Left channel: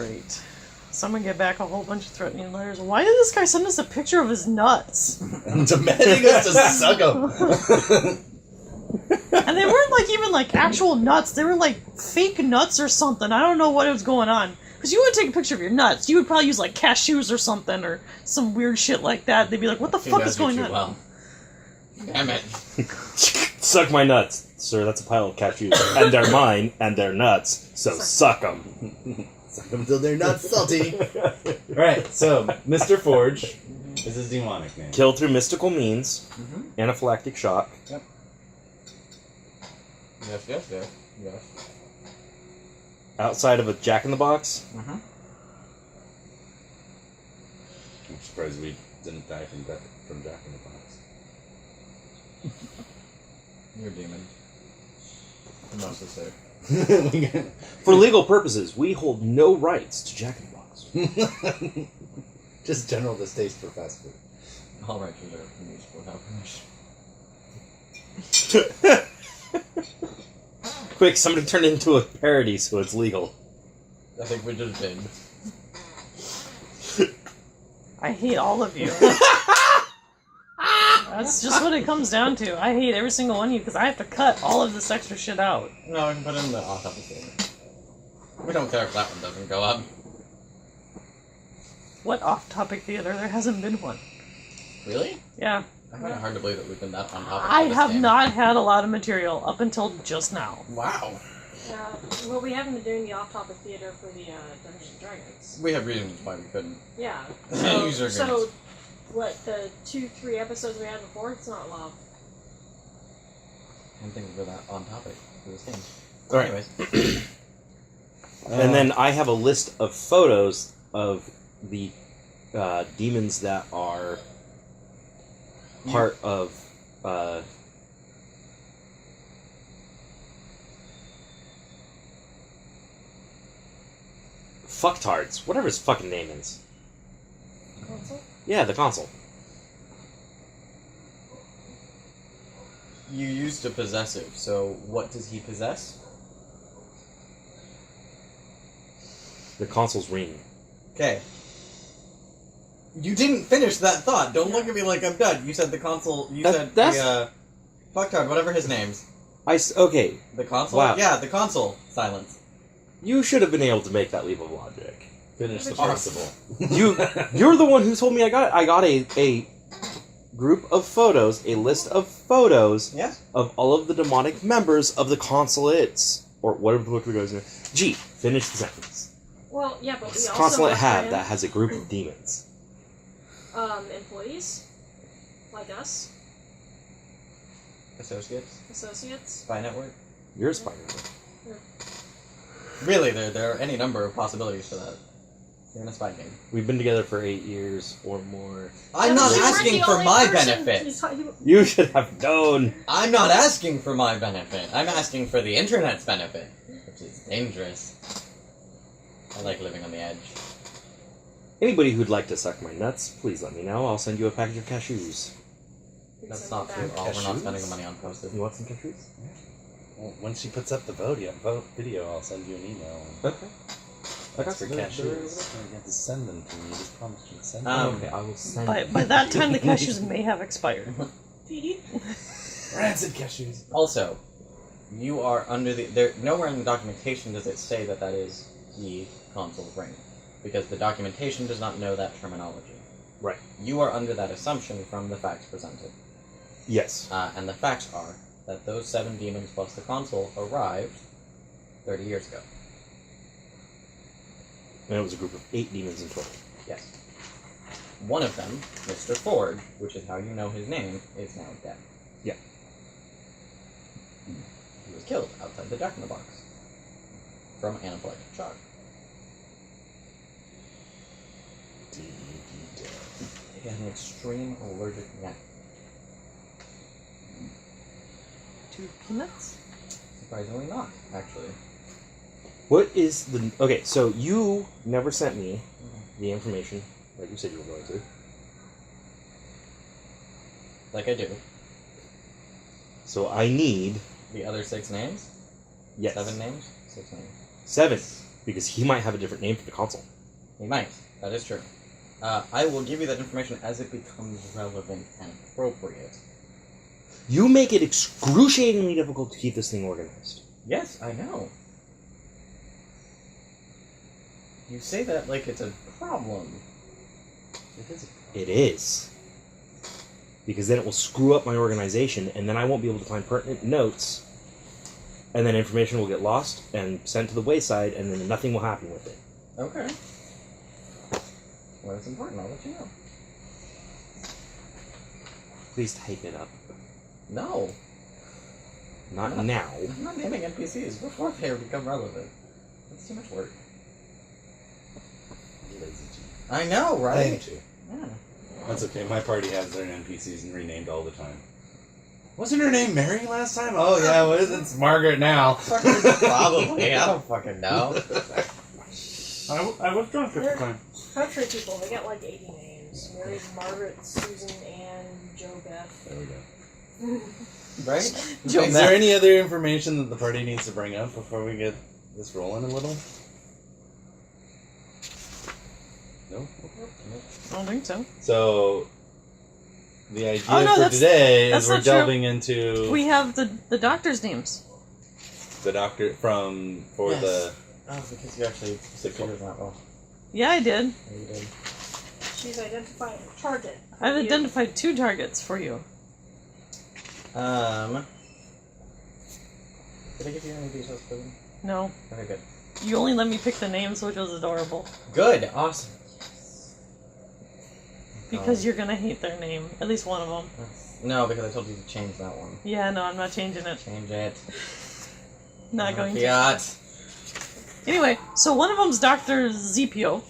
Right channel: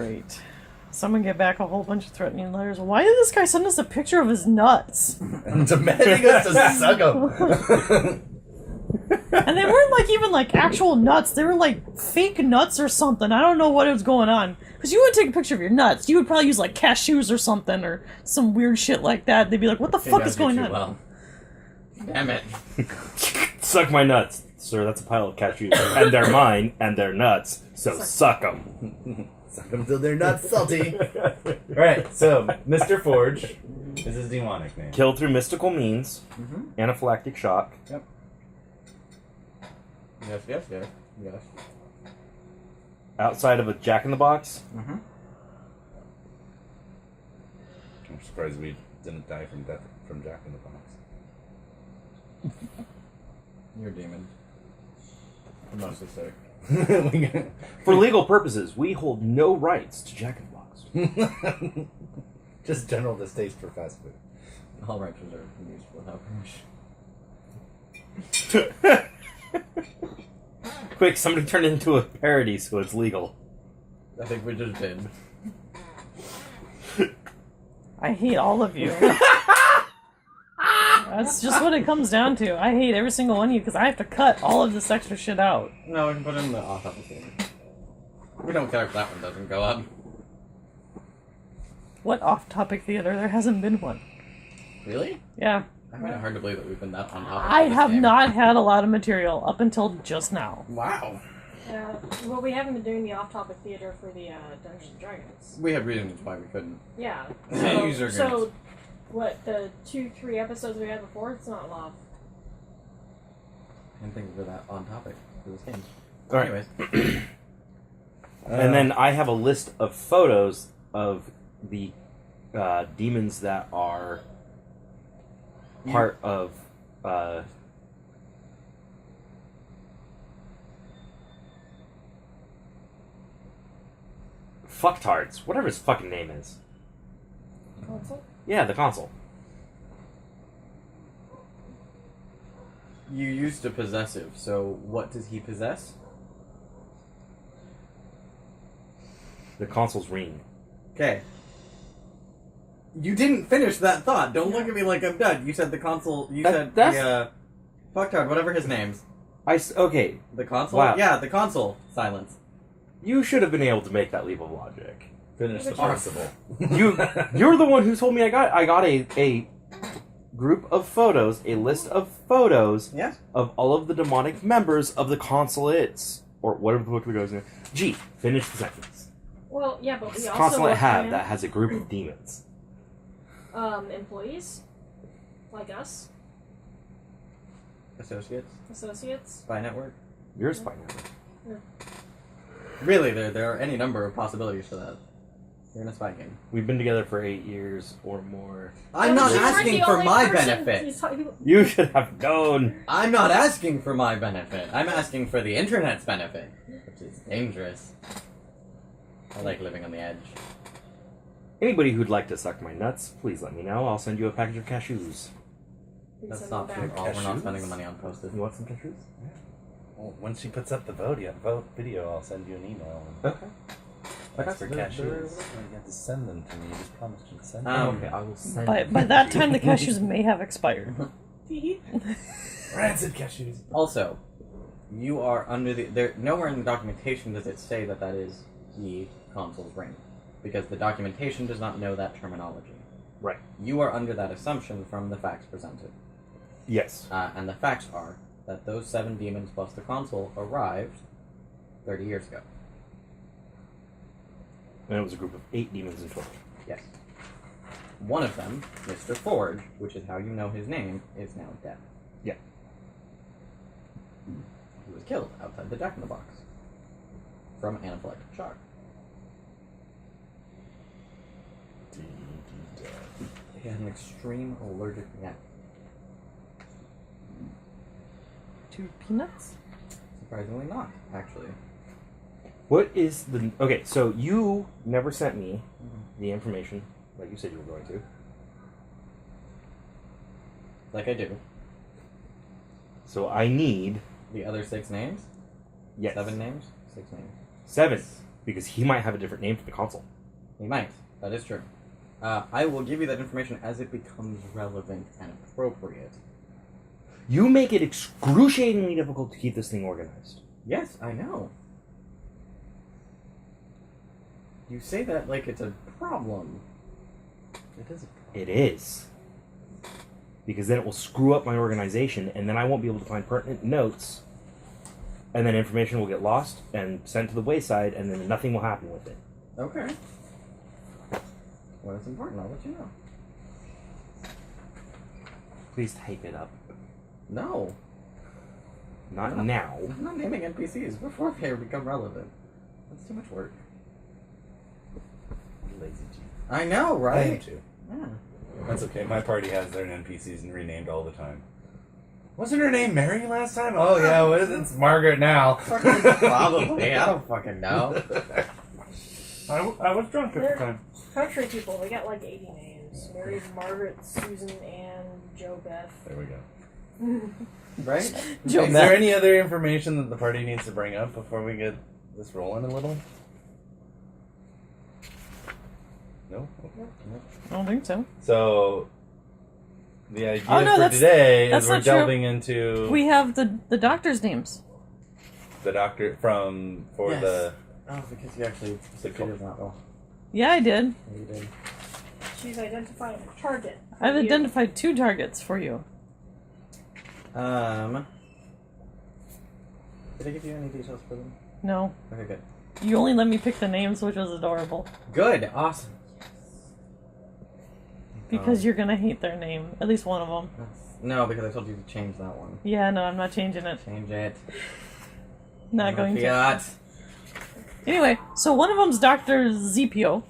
Great. Someone get back a whole bunch of threatening letters. Why did this guy send us a picture of his nuts? I'm demanding us to suck them. And they weren't even actual nuts. They were fake nuts or something. I don't know what was going on. Because you would take a picture of your nuts. You would probably use cashews or something or some weird shit like that. They'd be like, what the fuck is going on? Well. Damn it. Suck my nuts. Sir, that's a pile of cashews. And they're mine, and they're nuts. So suck them. Suck them till they're not salty. Alright, so Mr. Forge is his demonic name. Killed through mystical means. Mm-hmm. Anaphylactic shock. Yep. Yes. Outside of a Jack-in-the-Box. Mm-hmm. I'm surprised we didn't die from Jack in the Box. You're a demon. I'm mostly sick. For legal purposes, we hold no rights to Jack-in-the-Box. Just general distaste for fast food. All rights reserved for use without permission. Quick, somebody turn it into a parody so it's legal. I think we just did. I hate all of you. That's just what it comes down to. I hate every single one of you because I have to cut all of this extra shit out. No, we can put it in the off-topic theater. We don't care if that one doesn't go up. What off-topic theater? There hasn't been one. Really? Yeah. I find it hard to believe that we've been that on topic. I for this have game. not had a lot of material up until just now. Wow. Well, we haven't been doing the off-topic theater for the Dungeons and Dragons. We have reasons why we couldn't. Yeah. User So, agreements. what, the 2-3 episodes we had before, it's not long. I'm thinking for that on topic for this game. Alright. Anyways. And then I have a list of photos of the demons that are part of fucktards, whatever his fucking name is. Console? Yeah, the console. You used a possessive, so what does he possess? The console's ring. Okay. You didn't finish that thought. Don't look at me like I'm done. You said the console. You said the fucktard, whatever his name's. Okay. The console. Wow. Yeah, the console. Silence. You should have been able to make that leap of logic. Finish the Awesome. principle. You're the one who told me I got a group of photos, a list of photos Yeah. of all of the demonic members of the consulates, or whatever the fuck we goes in. G. Finish the sentence. Well, yeah, but we This also consulate work had in, that has a group of demons. employees, like us, Associates. associates. Spy network. You're a spy. Really, there are any number of possibilities for that. You're in a spy game. We've been together for 8 years or more. I'm not You weren't asking the for only my person- benefit. You should have known. I'm not asking for my benefit. I'm asking for the internet's benefit, which is dangerous. I like living on the edge. Anybody who'd like to suck my nuts, please let me know. I'll send you a package of cashews. That's not true at all. We're not spending the money on posters. You want some cashews? Well, when she puts up the video, I'll send you an email. Okay. That's for They're- cashews. You have to send them to me. You just promised you'd send them. Um, Okay, I will send By that time, the cashews may have expired. Rancid cashews. Also, you are under the... nowhere in the documentation does it say that that is the console's ring. Because the documentation does not know that terminology. Right. You are under that assumption from the facts presented. Yes. And the facts are that those 7 demons plus the console arrived 30 years ago. And it was a group of 8 demons in total. Yes. One of them, Mr. Forge, which is how you know his name, is now dead. Yeah. He was killed outside the Jack-in-the-Box from anaphylactic shock. He had an extreme allergic reaction. Two peanuts? Surprisingly not, actually. What is the... Okay, so you never sent me the information like you said you were going to. Like I do. So I need... The other 6 names? Yes. 7 names? 6 names. 7. Because he might have a different name for the console. He might. That is true. I will give you that information as it becomes relevant and appropriate. You make it excruciatingly difficult to keep this thing organized. Yes, I know. You say that like it's a problem. It is. It is. Because then it will screw up my organization, and then I won't be able to find pertinent notes, and then information will get lost and sent to the wayside, and then nothing will happen with it. Okay. When it's important, I'll let you know. Please type it up. No. Not now. I'm not naming NPCs before they become relevant. That's too much work. Lazy G. I know, I right? am too. Yeah. That's okay. My party has their NPCs and renamed all the time. Wasn't her name Mary last time? Oh yeah, what is it? It's Margaret now. Probably. I don't fucking know. I was drunk at the time. Country people, they got like 80 names. Mary, Margaret, Susan, Ann, Joe, Beth. There we go. Right? Is there any other information that the party needs to bring up before we get this rolling a little? No? I don't think so. So, the idea Oh, no, for that's- today that's is we're not true. delving into We have the doctor's names. the doctor for Yes. the... Oh, because you actually succeeded that well. Yeah, I did. Yeah, you did. She's identified a target. I've identified 2 targets for you. Did I give you any details for them? No, Okay, good. you only let me pick the names, which was adorable. Good. Awesome. Because you're gonna hate their name. At least one of them. No, because I told you to change that one. Yeah, no, I'm not changing it. Change it. Not going to. Fiat. Anyway, so one of them's Dr. ZPO.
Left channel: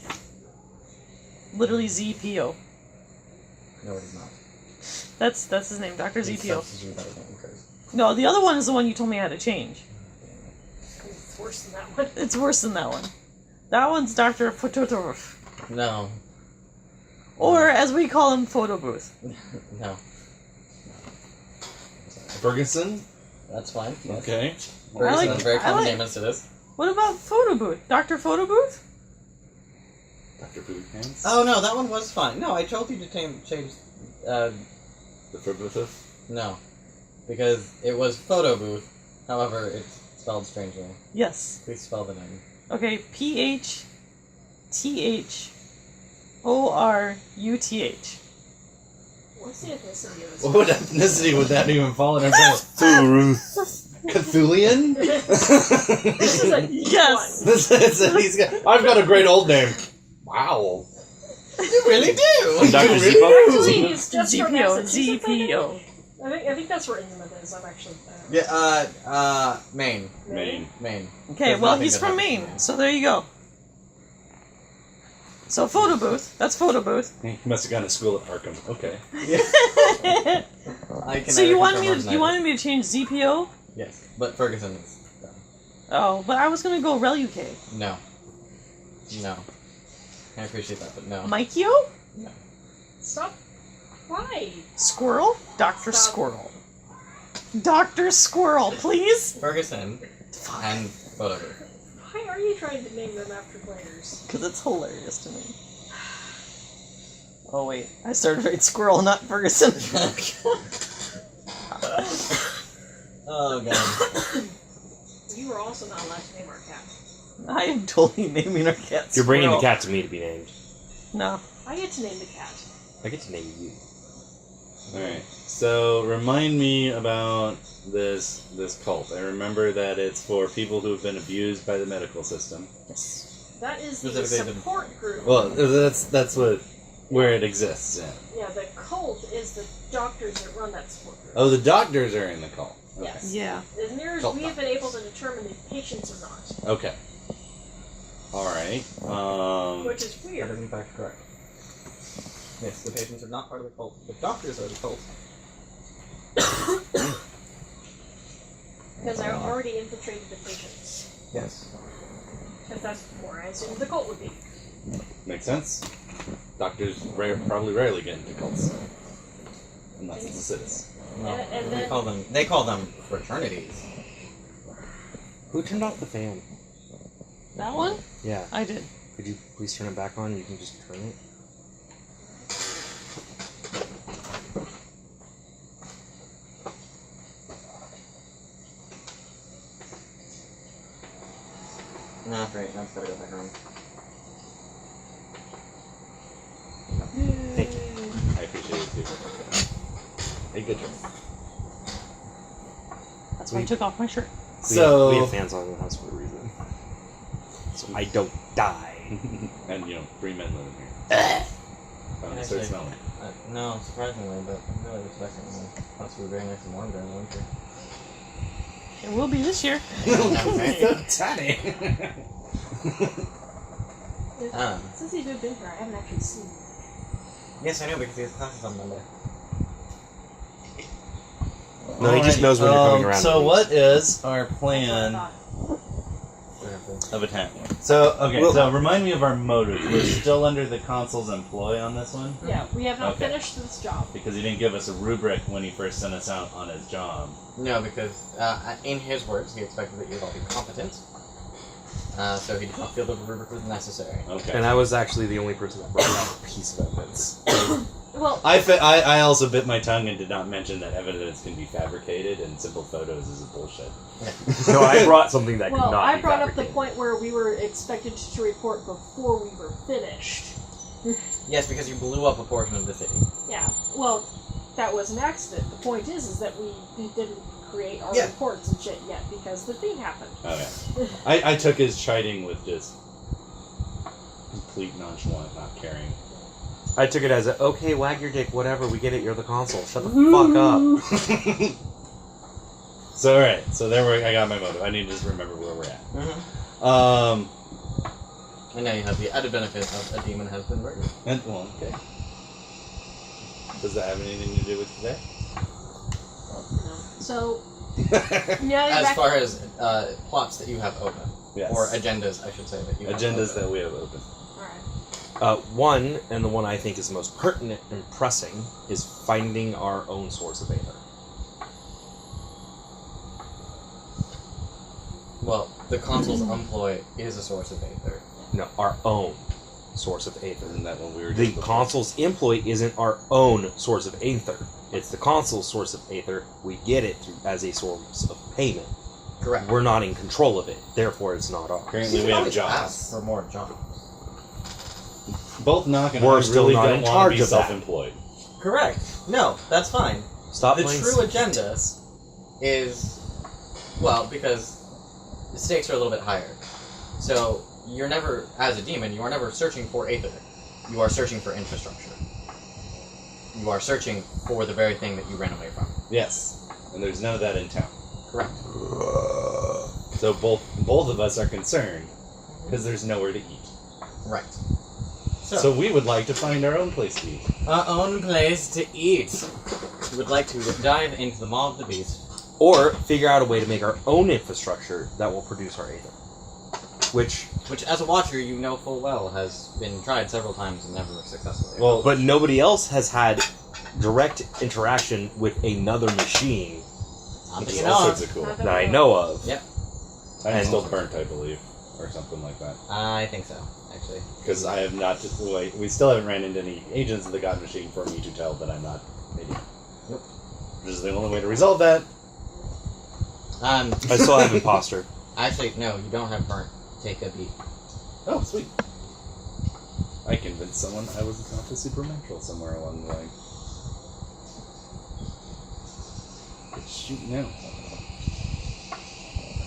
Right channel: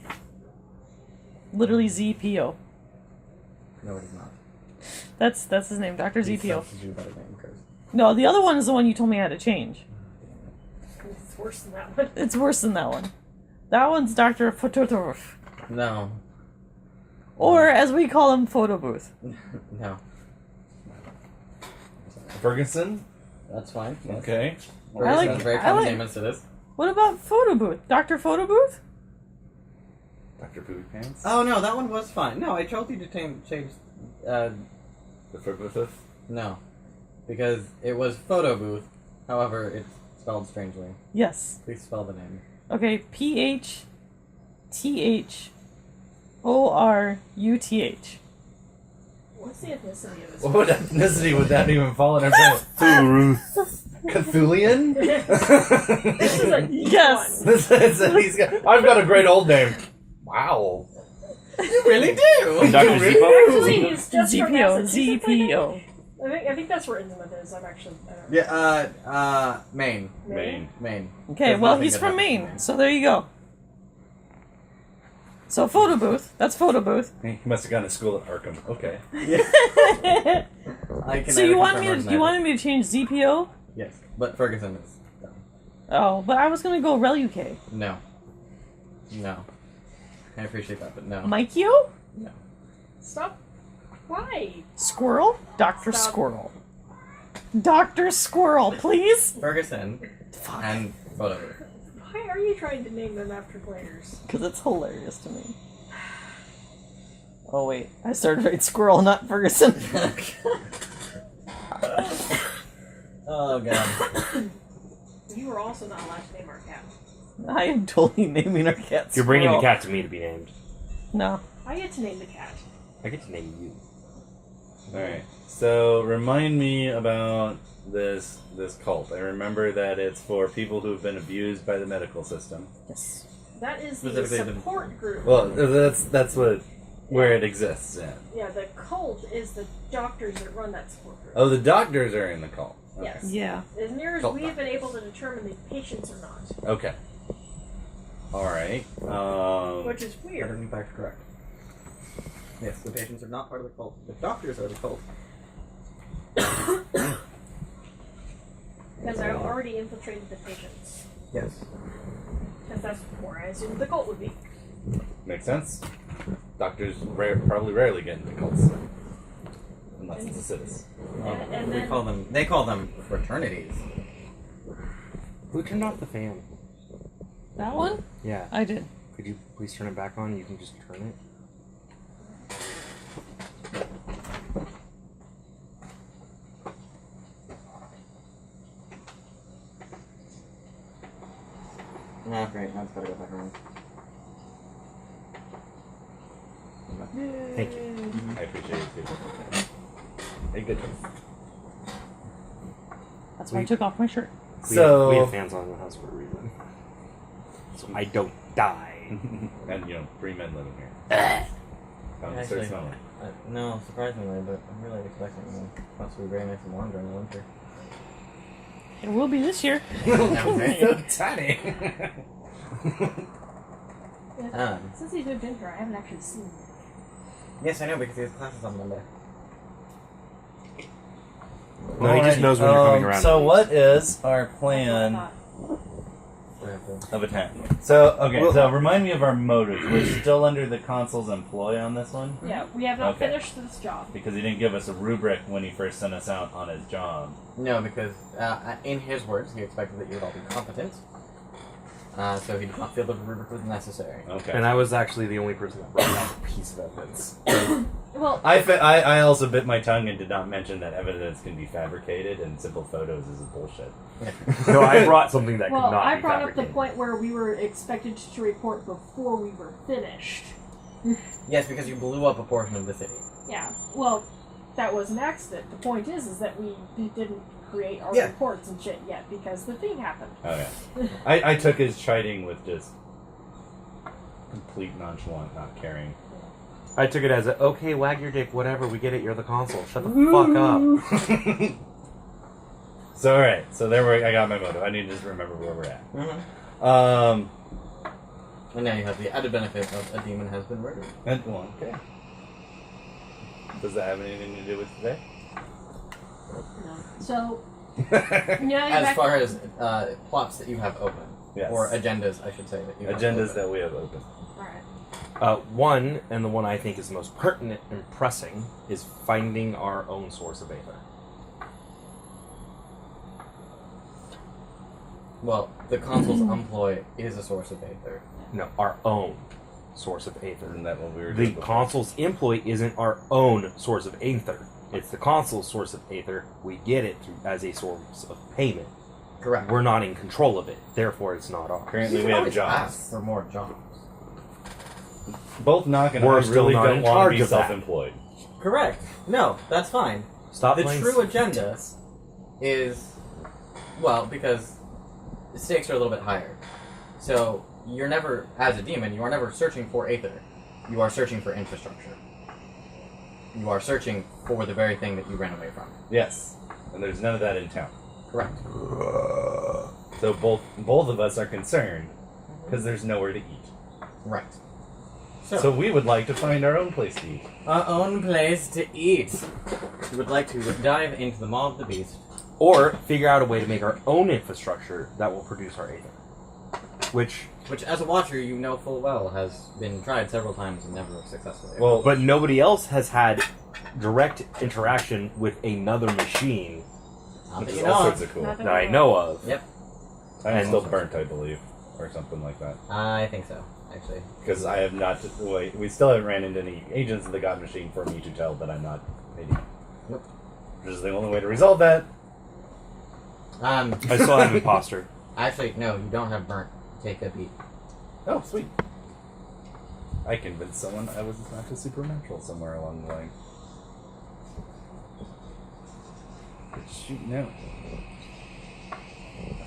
Literally ZPO. No, it is not. That's his name, Dr. Please ZPO. substitute that again, Chris. No, the other one is the one you told me how to change. It's worse than that one. It's worse than that one. That one's Dr. Phototov. No. Or, as we call him, Photo Booth. No. Ferguson? That's fine. Yes. Okay. Very, I like- sounds very I common like- name as it is. What about Photo Booth? Dr. Photo Booth? Dr. Food Pants? Oh no, that one was fine. No, I told you to change. The Ferguson? No, because it was photo booth. However, it's spelled strangely. Yes. Please spell the name. Okay, PHTHORUTH. What's the ethnicity of this? What ethnicity would that even fall in? Cthulian? This is a Yes. I've got a great old name. Wow. You really do. Dr. You really Zippo? Actually, he's just from ZPO. Massachusetts, ZPO. I think that's where Innsmouth is. I'm actually. Yeah. Maine. Maine. Okay, There's well, nothing he's that from happens in Maine, so there you go. So, Photo Booth. That's Photo Booth. He must have gone to school at Arkham. Okay. I can So neither you wanted confirm me nor to deny you that. wanted me to change ZPO? Yes, but Ferguson is dumb. Oh, but I was gonna go RelUK. No. No. I appreciate that, but no. Mikio? Stop. Why? Squirrel? Dr. Stop. Squirrel. Dr. Squirrel, please? Ferguson Fuck. and whatever. Why are you trying to name them after players? Because it's hilarious to me. Oh, wait. I started right Squirrel, not Ferguson. Oh god. You were also not allowed to name our cat. I am totally naming our cat You're bringing the Squirrel. cat to me to be named. No. I get to name the cat. I get to name you. Alright. So, remind me about this cult. I remember that it's for people who have been abused by the medical system. Yes. That is the Specifically the- support group. Well, that's where it exists. Yeah. Yeah, the cult is the doctors that run that support group. Oh, the doctors are in the cult. Okay. Yes. Yeah. As near as Cult we've been able to determine, the patients are not, Okay. All right. which is That weird. is in fact correct. Yes, the patients are not part of the cult. The doctors are the cult. Because I already infiltrated the patients. Yes. Because that's where I assumed the cult would be. Makes sense. Doctors probably rarely get into cults, unless it's a citizen. Well, And we then- call them. They call them fraternities. Who turned off the fan? That one? Yeah. I did. Could you please turn it back on? You can just turn it. No, great. I just gotta go back around. Thank you. I appreciate it too. Hey, good choice. That's why I took off my shirt. We So, have fans on in the house for a reason. So I don't die. and three men live in here. Start Actually, smelling. No, surprisingly, but I'm really expecting the house to be very nice and warm during the winter. It will be this year. So tiny. Since he's moved in here, I haven't actually seen him. Yes, I know, because he has classes on Monday. No, he just knows when you're coming around. So what is our plan of attack? So, okay, so remind me of our motives. We're still under the consul's employ on this one? Yeah, we have not Okay. finished this job. Because he didn't give us a rubric when he first sent us out on his job. No, because in his words, he expected that you would all be competent. So he did not feel the rubric was necessary. Okay. And I was actually the only person that brought out a piece of evidence. Well, I also bit my tongue and did not mention that evidence can be fabricated and simple photos is bullshit. No, I brought something that well, could not I be brought up the fabricated. point where we were expected to report before we were finished. Yes, because you blew up a portion of the city. Yeah, well, that was an accident. The point is that we didn't create our Yeah. reports and shit yet because the thing happened. Oh yeah. I took his chiding with just complete nonchalant, not caring. I took it as a, okay, wag your dick, whatever, we get it, you're the consul. Shut the fuck up. So alright, so I got my motive. I need to just remember where we're at. Mm-hmm. And now you have the added benefit of a demon has been murdered. And well, okay. Does that have anything to do with today? So, As far as plots that you have open. Yes. Or agendas, I should say, that you have Agendas open. that we have open. alright. One, and the one I think is most pertinent and pressing, is finding our own source of aether. Well, the consul's employ is a source of aether. No, our own source of aether. Isn't that what we were The doing before? consul's employ isn't our own source of aether. It's the consul's source of aether. We get it through, as a source of payment. Correct. We're not in control of it. Therefore, it's not ours. Currently You we can have always jobs. ask for more jobs. Both Knock and We're I still really not don't in want to charge be of that. self-employed. Correct. No, that's fine. Stop The playing true agenda is, well, because the stakes are a little bit higher. So, you're never, as a demon, you are never searching for aether. You are searching for infrastructure. You are searching for the very thing that you ran away from. Yes. And there's none of that in town. Correct. So both of us are concerned because there's nowhere to eat. Right. So we would like to find our own place to eat. Our own place to eat. We would like to dive into the maw of the beast. Or figure out a way to make our own infrastructure that will produce our aether. Which, As a watcher, you know full well has been tried several times and never successfully. Well, but nobody else has had direct interaction with another machine not that which you is know all of. sorts of cool. Not that I know of. Yep. I'm still burnt, I believe, or something like that. I think so, actually. Because I have not. We still haven't ran into any agents of the God Machine for me to tell that I'm not an idiot. Nope. Which is the only way to resolve that. I still have imposter. Actually, no, you don't have burnt. Take a beat. Oh, sweet. I convinced someone I was not the supernatural somewhere along the line. It's shooting out.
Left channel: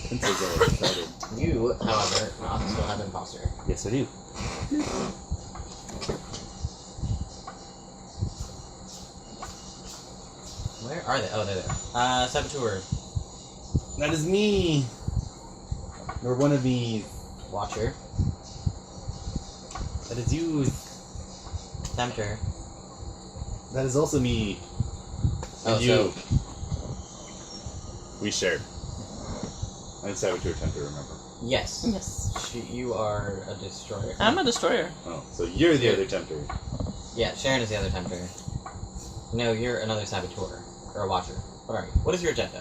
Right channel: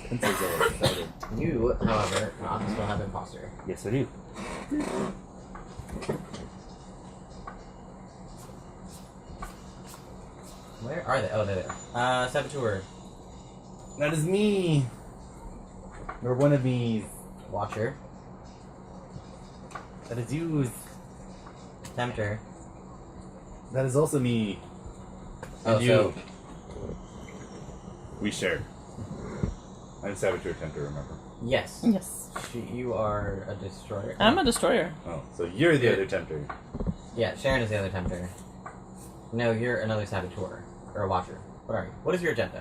Pencil's all excited. You, however, not still have imposter. Yes, I do. Where are they? Oh, they're there. Saboteur. That is me. Or one of these. Watcher. That is you. Tempter. That is also me. Oh, And you. so We share. I'm Saboteur Tempter, remember? yes. Yes. You are a destroyer. I'm a destroyer. Oh, so you're the other Tempter. Yeah, Sharon is the other tempter. No, you're another saboteur or a watcher. What are you? What is your agenda?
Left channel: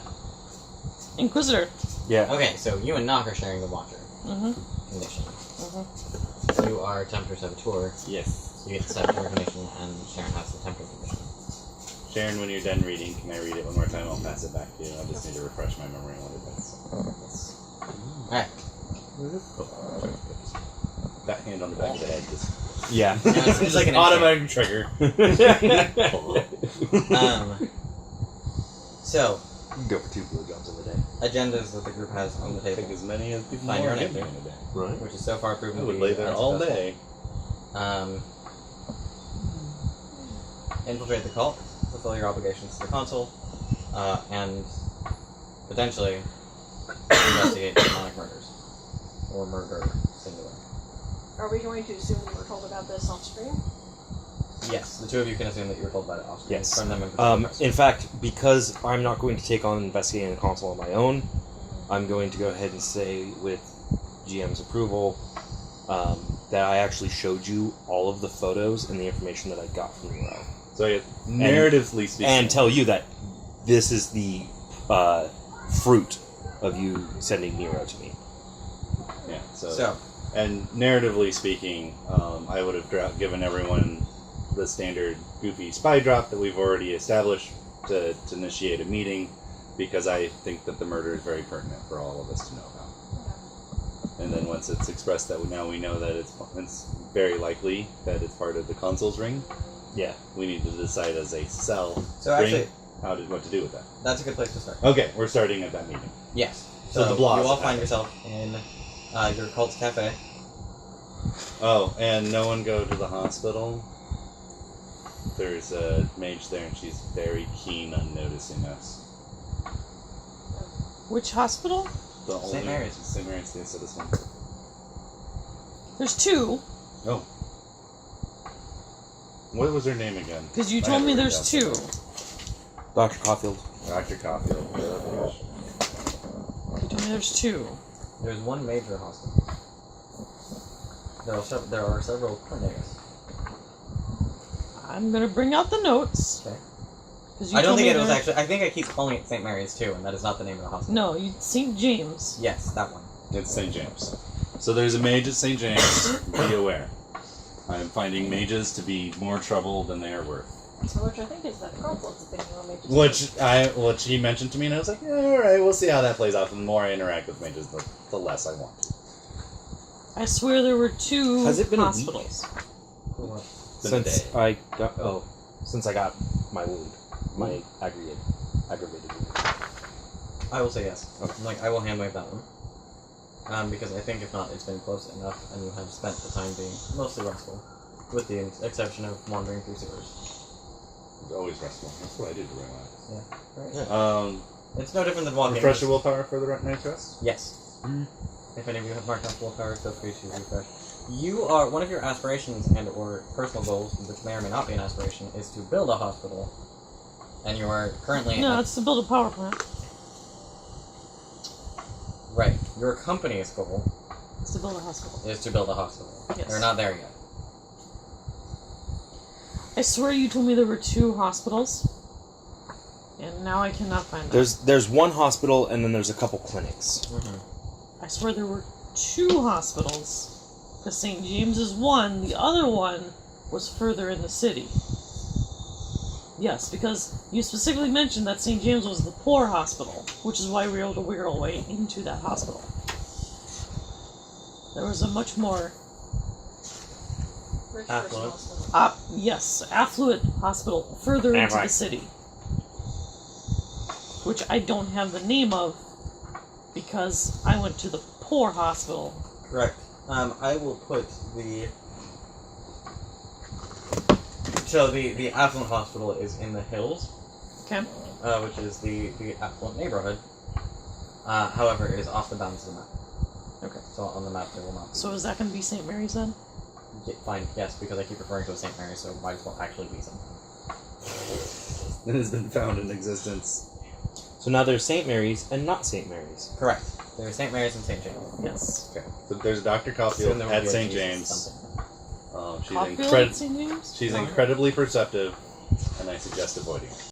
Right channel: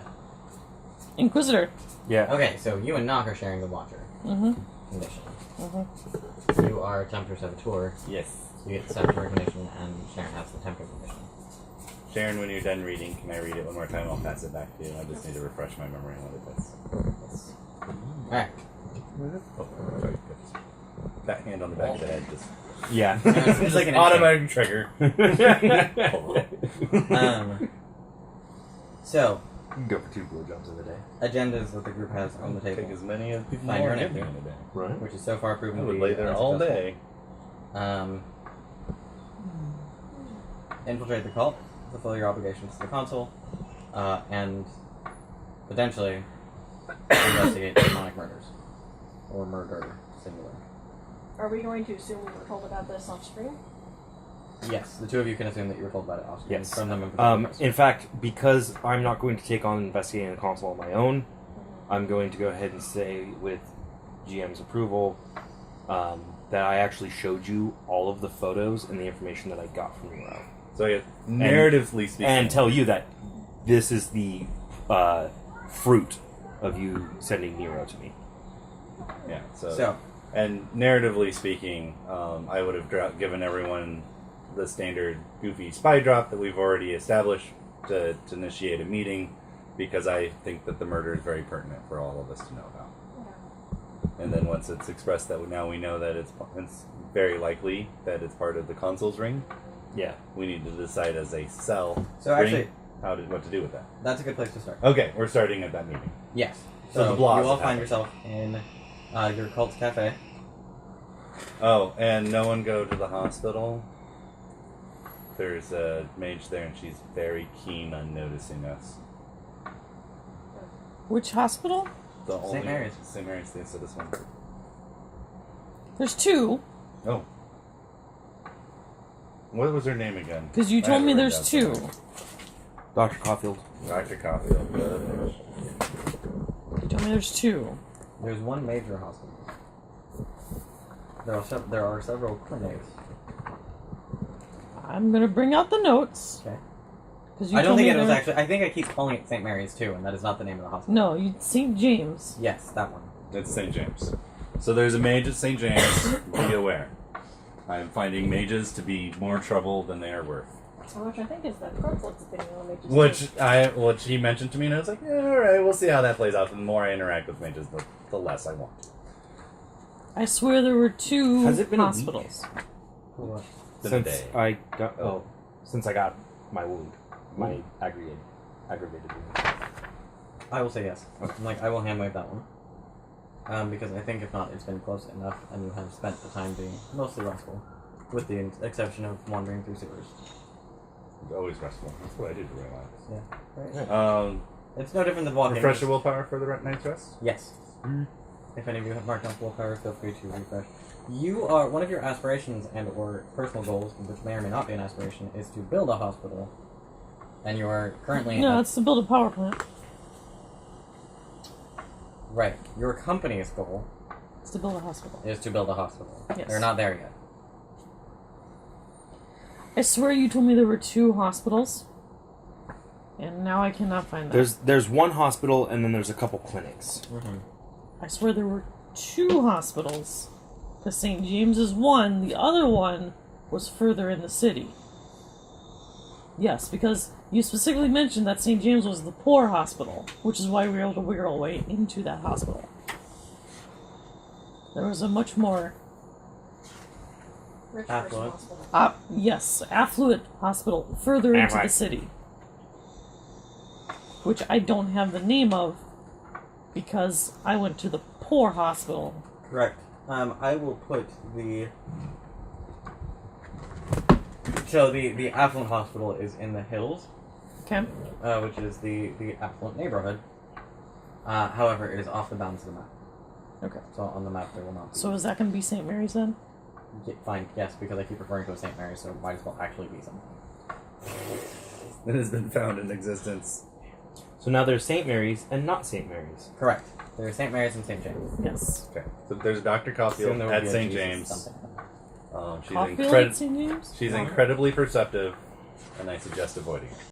Inquisitor. Yeah. Okay, so you and Knock are sharing the watcher. Mm-hmm. condition. Mhm. You are Tempter Saboteur. Yes. You get the Saboteur condition, and Sharon has the Tempter condition. Sharon, when you're done reading, can I read it one more time? I'll pass it back to you. I just need to refresh my memory on what it is. Yes. Alright. Oh, sorry. That hand on the back of the head just Yeah. It's like an automatic trigger. So, Go for 2 blowjobs in a day. agendas that the group has on the Take table, as many as people Find your want to name. in a day. Right. which is so far proven I to would be lay there all day. Infiltrate the cult, fulfill your obligations to the consul, and potentially investigate demonic murders. Or murder, singular. Are we going to assume we were told about this off screen? Yes, the two of you can assume that you were told about it off screen Yes. from them in particular. In fact, because I'm not going to take on investigating the console on my own, I'm going to go ahead and say, with GM's approval, that I actually showed you all of the photos and the information that I got from Nero. So, yeah, narratively speaking. And tell you that this is the fruit of you sending Nero to me. Yeah, So, and narratively speaking, I would have given everyone the standard goofy spy drop that we've already established to initiate a meeting, because I think that the murder is very pertinent for all of us to know about. And then once it's expressed that now we know that it's very likely that it's part of the consul's ring, Yeah. we need to decide as a cell so ring actually, what to do with that. that's a good place to start. Okay, we're starting at that meeting. Yes. So So, the blog you all is find happening. yourself in your cult's cafe. Oh, and no one go to the hospital. There's a mage there, and she's very keen on noticing us. Which hospital? The St. only- Mary's. St. Mary's, they said this one. There's 2, Oh. What was her name again? because you I told have me it there's written 2. down Dr. Caulfield. somewhere. Dr. Caulfield. You told me there's 2. There's one major hospital. There are several clinics. I'm gonna bring out the notes. Okay. 'Cause you I don't told think me it was there- actually. I think I keep calling it St. Mary's too, and that is not the name of the hospital. No, St. James. Yes, that one. It's St. James. So there's a mage at St. James. Be aware. I am finding mages to be more trouble than they are worth. So which I think is the consul's opinion on it. Which he mentioned to me, and I was like, yeah, all right, we'll see how that plays out. The more I interact with mages, the less I want. I swear there were 2 Has it been a week? hospitals. It's been a Since day. I got since I got my wound, my aggravated wound. I will say yes. I will hand wave that one. Because I think if not, it's been close enough, and you have spent the time being mostly restful, with the exception of wandering through sewers. It's always restful. That's what I do to relax. Right. It's no different than walking. Refresh your willpower for the night's rest? Yes. Mhm. If any of you have marked off willpower, feel free to refresh. You are one of your aspirations and/or personal goals, which may or may not be an aspiration, is to build a hospital, and you are currently No, at, it's to build a power plant. right. Your company's goal It's to build a hospital. is to build a hospital. Yes. They're not there yet. I swear you told me there were 2 hospitals. And now I cannot find that. There's one hospital and then there's a couple clinics. I swear there were 2 hospitals. The St. James is one, the other one was further in the city. Yes, because you specifically mentioned that St. James was the poor hospital, which is why we were able to wiggle our way into that hospital. There was a much more, Rich Affluent. person hospital. yes, affluent hospital further into the right. city. Which I don't have the name of, because I went to the poor hospital. Correct. I will put the. So the affluent hospital is in the hills, Okay? which is the affluent neighborhood. However, it is off the bounds of the map. Okay. So on the map there will not be. So is that going to be St. Mary's then? Fine, yes, because I keep referring to it as St. Mary's, so it might as well actually be something. It has been found in existence. So now there's St. Mary's and not St. Mary's. Correct. There's St. Mary's and St. James. Yes. Okay. So there's Dr. Soon Caulfield there will at be a St. Jesus James. something. She's Caulfield incredible. at St. James? She's Oh, yeah. incredibly perceptive, and I suggest avoiding her.